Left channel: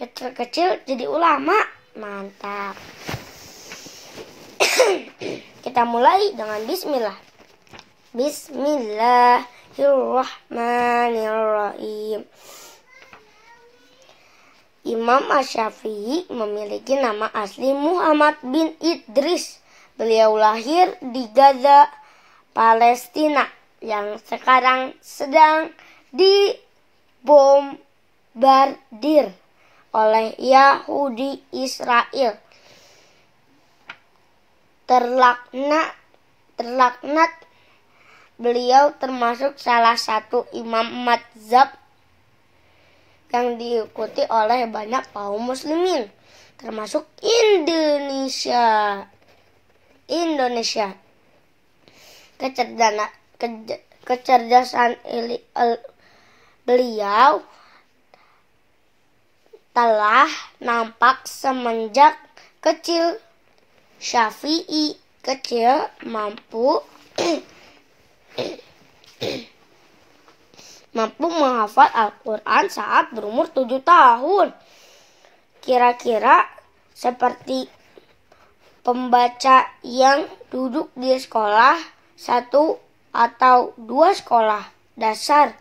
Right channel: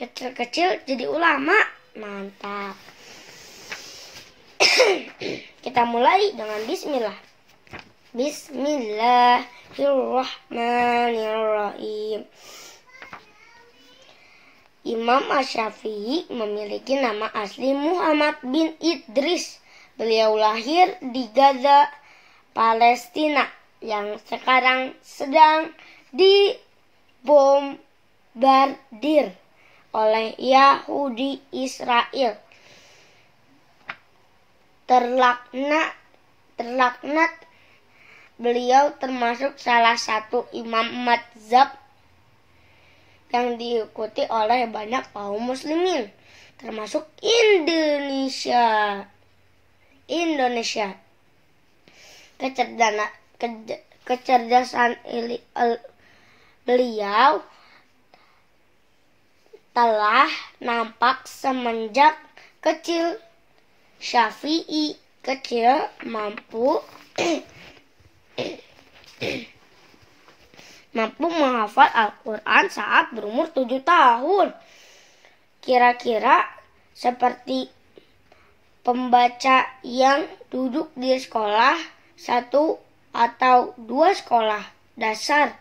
kecil-kecil jadi ulama. Mantap. Kita mulai dengan bismillah. Bismillahirrahmanirrahim. Imam Asy-Syafi'i memiliki nama asli Muhammad bin Idris. Beliau lahir di Gaza, Palestina, yang sekarang sedang dibombardir oleh Yahudi Israel. Terlaknat, beliau termasuk salah satu imam mazhab yang diikuti oleh banyak kaum muslimin, termasuk Indonesia. Kecerdasan beliau telah nampak semenjak kecil. Syafi'i kecil mampu menghafal Al-Quran saat berumur 7 tahun. Kira-kira seperti pembaca yang duduk di sekolah 1 atau 2 sekolah dasar.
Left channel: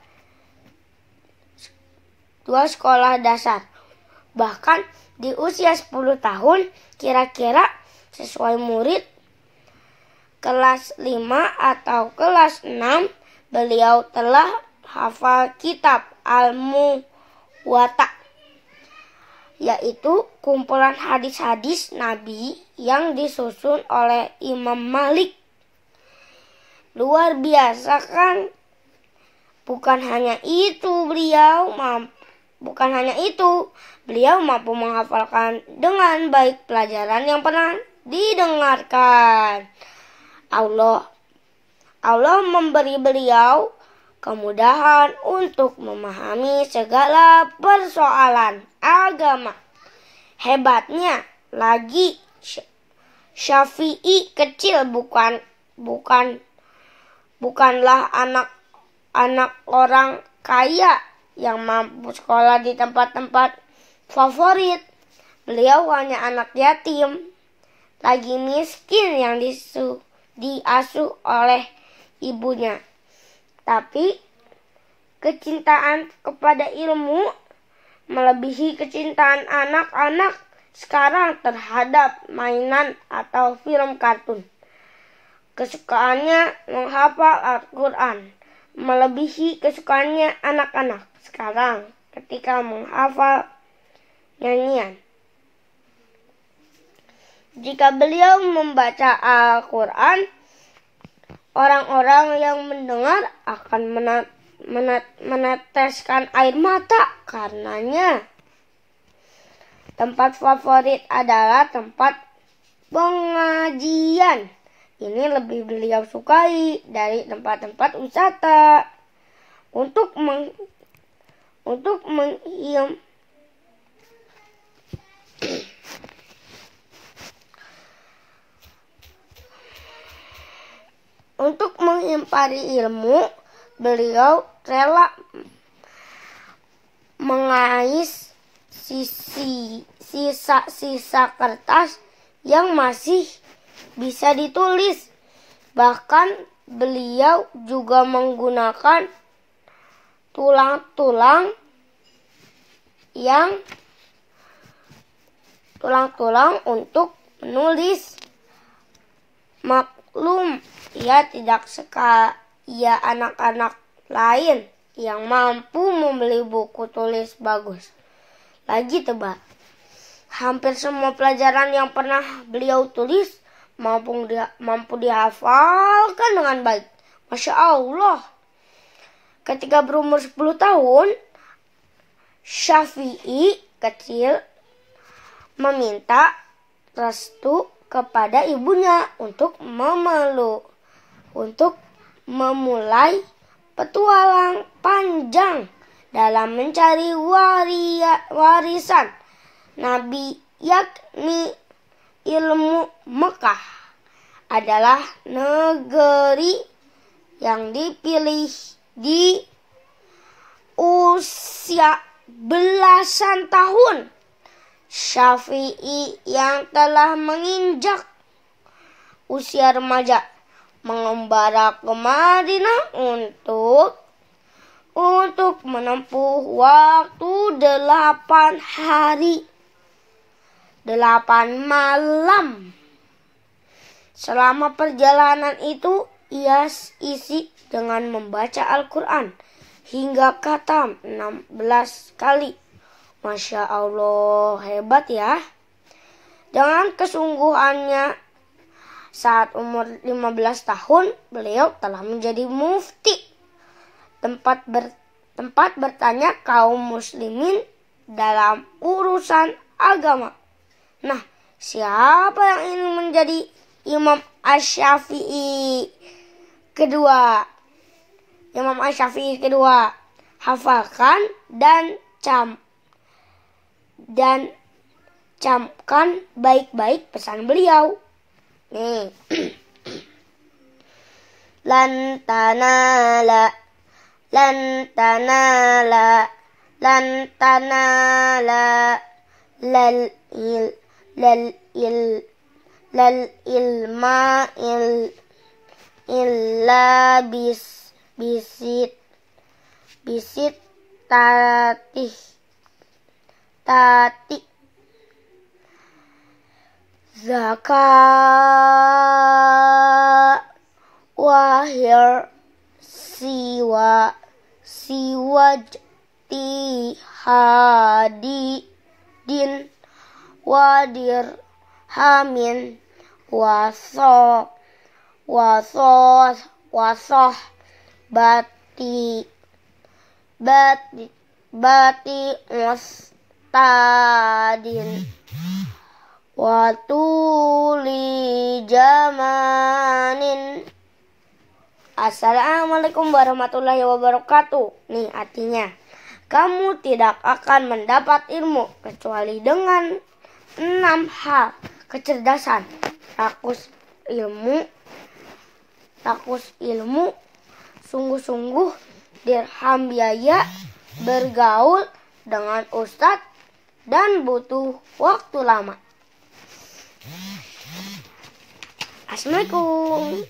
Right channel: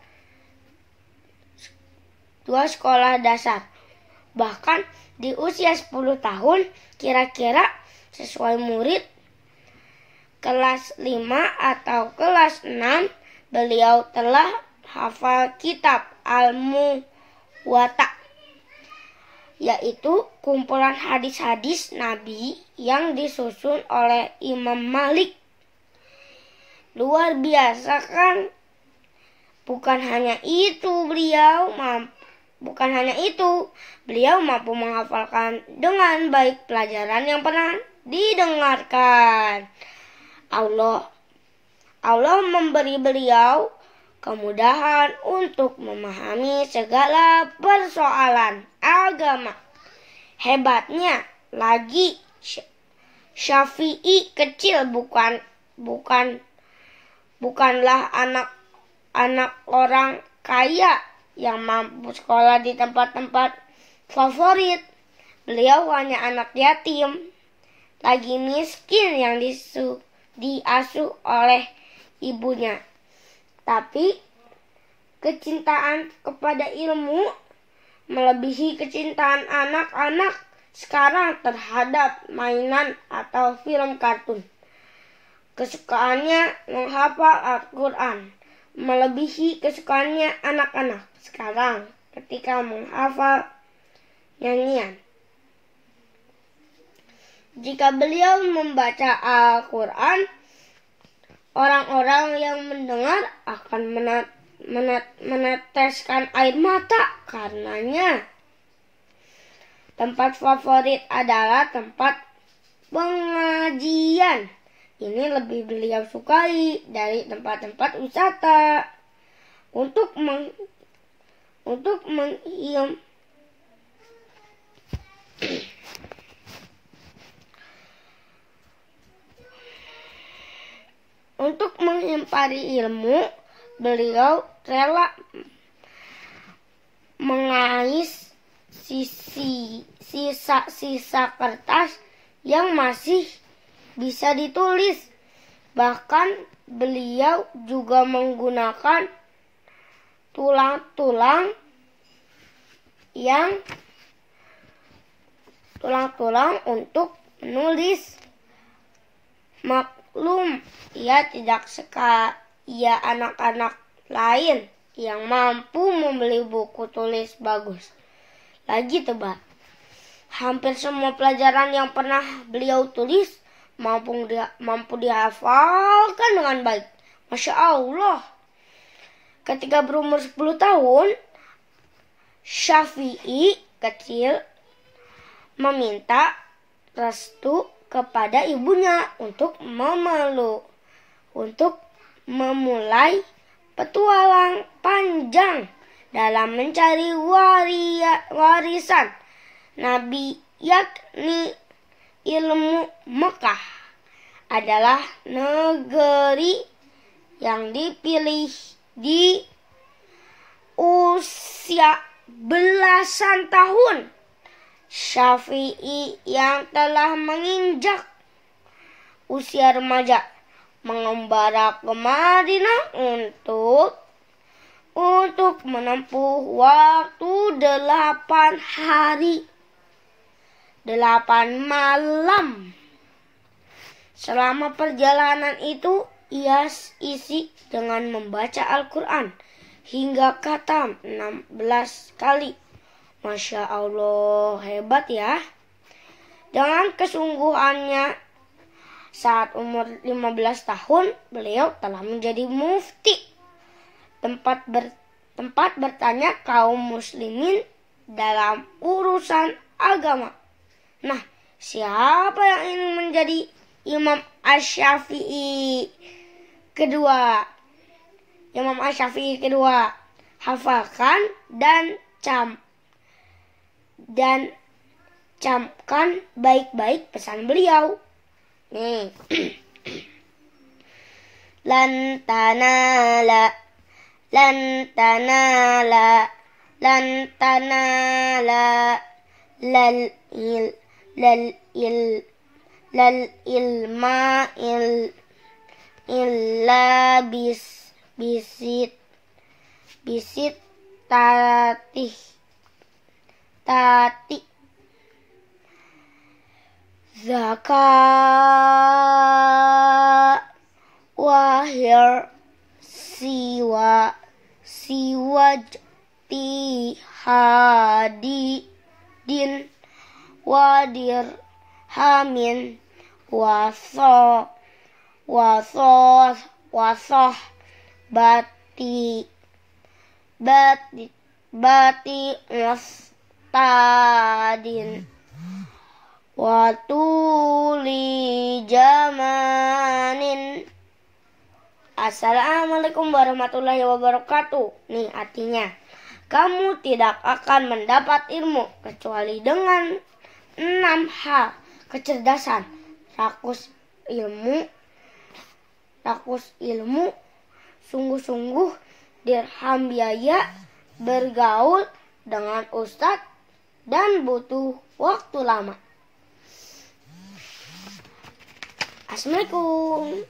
Bahkan di usia 10 tahun, kira-kira sesuai murid kelas 5 atau kelas 6, beliau telah hafal kitab Al-Muwatta, yaitu kumpulan hadis-hadis Nabi yang disusun oleh Imam Malik. Luar biasa kan? Bukan hanya itu, beliau mampu menghafalkan dengan baik pelajaran yang pernah didengarkan. Allah memberi beliau kemudahan untuk memahami segala persoalan agama. Hebatnya lagi, Syafi'i kecil bukanlah anak orang kaya yang mampu sekolah di tempat-tempat favorit. Beliau hanya anak yatim, lagi miskin yang diasuh oleh ibunya. Tapi kecintaan kepada ilmu melebihi kecintaan anak-anak sekarang terhadap mainan atau film kartun. Kesukaannya menghafal Al-Quran melebihi kesukaannya anak-anak sekarang ketika menghafal nyanyian. Jika beliau membaca Al-Quran, orang-orang yang mendengar akan meneteskan air mata karenanya. Tempat favorit adalah tempat pengajian. Ini lebih beliau sukai dari tempat-tempat wisata. Untuk menghimpari ilmu, beliau rela mengais sisa-sisa kertas yang masih bisa ditulis. Bahkan beliau juga menggunakan tulang-tulang untuk menulis. Maklum, ia tidak sekaya anak-anak lain yang mampu membeli buku tulis bagus. Lagi tebal, hampir semua pelajaran yang pernah beliau tulis mampu dihafalkan dengan baik. Masya Allah. Ketika berumur 10 tahun, Syafi'i kecil meminta restu kepada ibunya untuk memulai petualang panjang dalam mencari warisan Nabi, yakni ilmu. Mekah adalah negeri yang dipilih di usia belasan tahun Syafi'i yang telah menginjak usia remaja mengembara ke Madinah untuk menempuh waktu 8 hari 8 malam. Selama perjalanan itu ia isi dengan membaca Al-Quran hingga khatam 16 kali. Masya Allah, hebat ya. Dengan kesungguhannya, saat umur 15 tahun, beliau telah menjadi mufti, tempat bertanya kaum muslimin dalam urusan agama. Nah, siapa yang ingin menjadi Imam Asy-Syafi'i kedua? Imam Asy-Syafi'i kedua, hafalkan dan camkan baik-baik pesan beliau. Nih. Lan tanala lal ilma illa bisit tatih zakat wahir siwa tihadidin wadir hamin wasoh bati mustadin watuli jamanin. Assalamualaikum warahmatullahi wabarakatuh. Nih artinya, kamu tidak akan mendapat ilmu kecuali dengan 6 hal: kecerdasan, rakus ilmu, sungguh-sungguh, dirham biaya, bergaul dengan ustadz, dan butuh waktu lama. Assalamualaikum.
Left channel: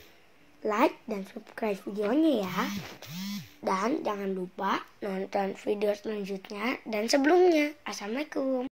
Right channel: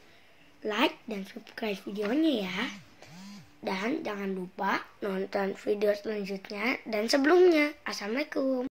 Like dan subscribe videonya ya. Dan jangan lupa nonton video selanjutnya dan sebelumnya. Assalamualaikum.